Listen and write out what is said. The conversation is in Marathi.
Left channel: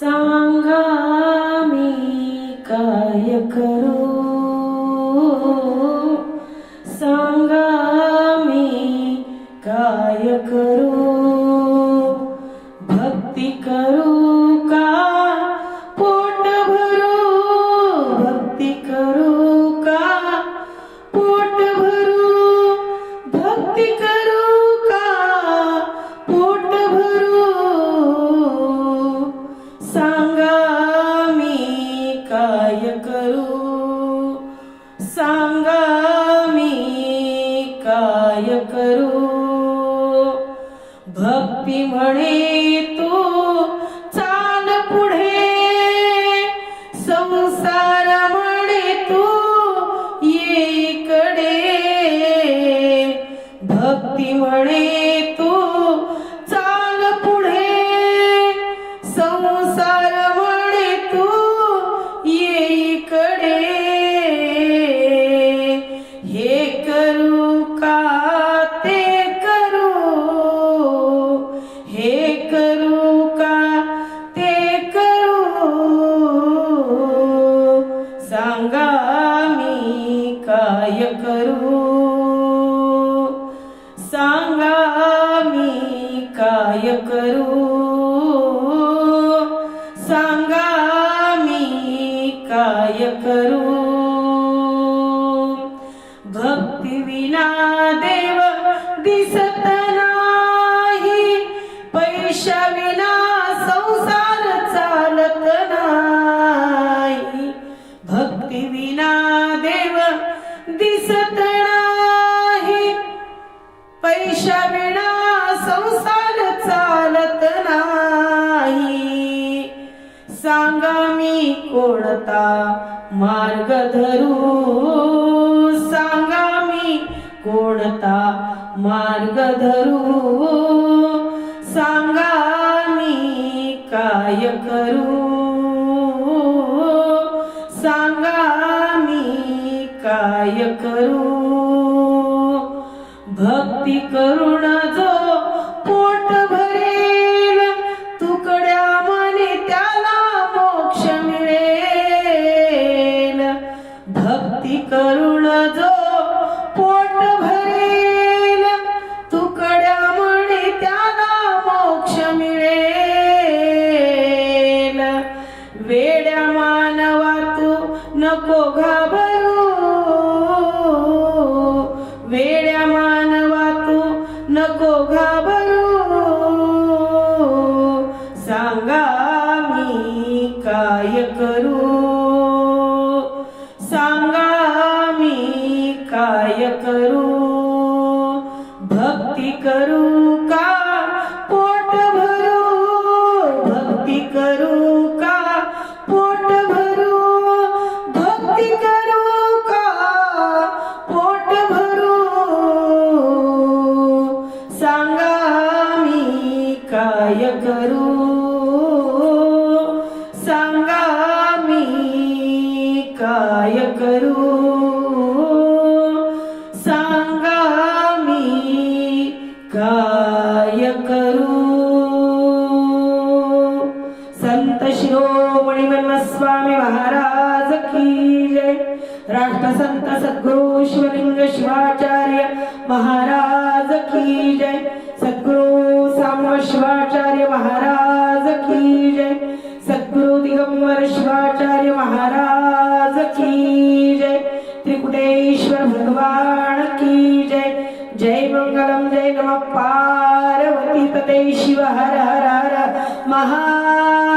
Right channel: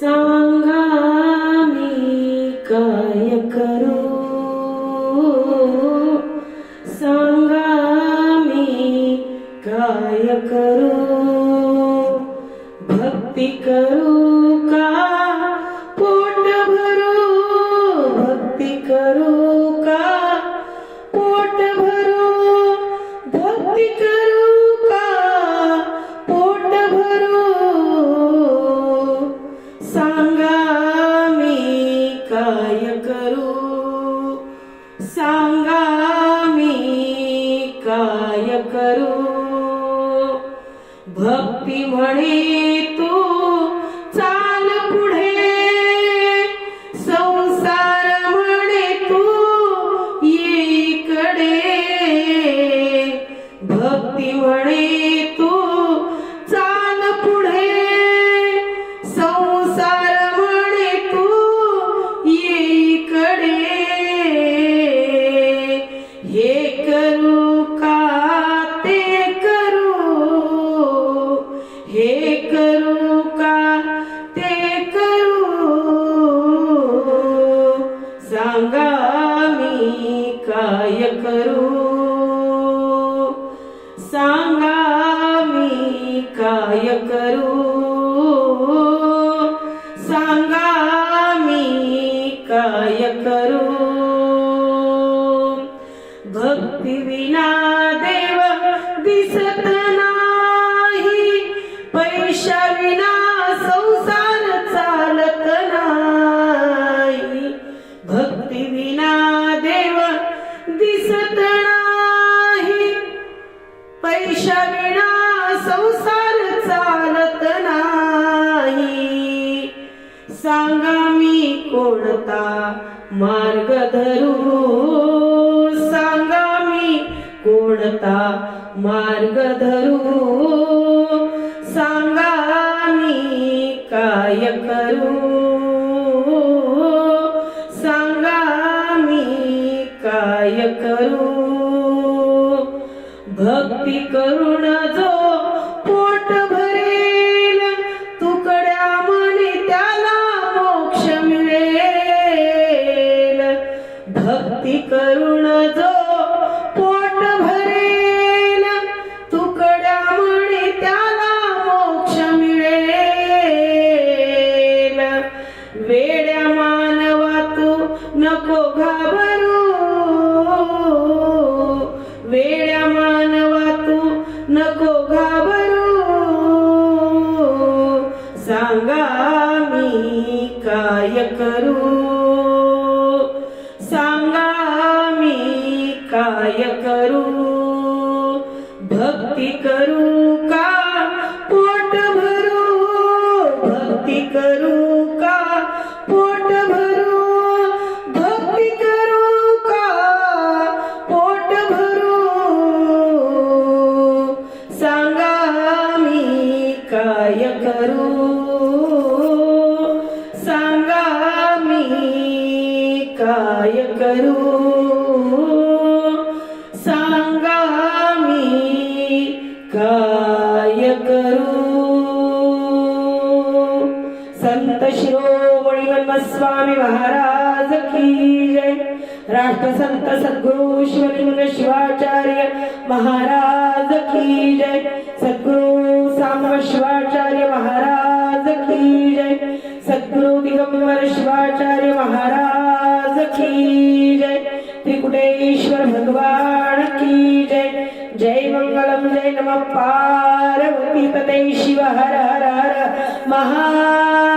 सांगा करू सांगा मी काय करू भक्ती म्हणे तू सांगा मी काय करू? सांगा मी काय करू? सांगा मी काय करू? भक्ती विना देव दिसत सांगा मी कोणता मार्ग धरू? सांगा मी कोणता मार्ग धरू? सांगा मी काय करू? सांगा मी काय करू? भक्ती करुणा करुण जो पोट भरेल? तुकड्या म्हणे त्याला मोक्ष मिळेल. वेड्या मानवा तू नको घाबरू. वेड्या मानवा तू नको घाबरू. सांगा मी काय करू? सांगा करू? सांगा मी काय करू? सांगा मी काय करू? संत शिरोमणी स्वामी महाराज की जय. राष्ट्रसंत सद्गुरु शिवलिंग शिवाचार्य महाराज की जय. सद्गुरु साम शिवाचार्य की जय त्रिकुटेश्वर भगवान की जय जय मंगलम जय नम पार्वती पते शिव हर हर हर महादेव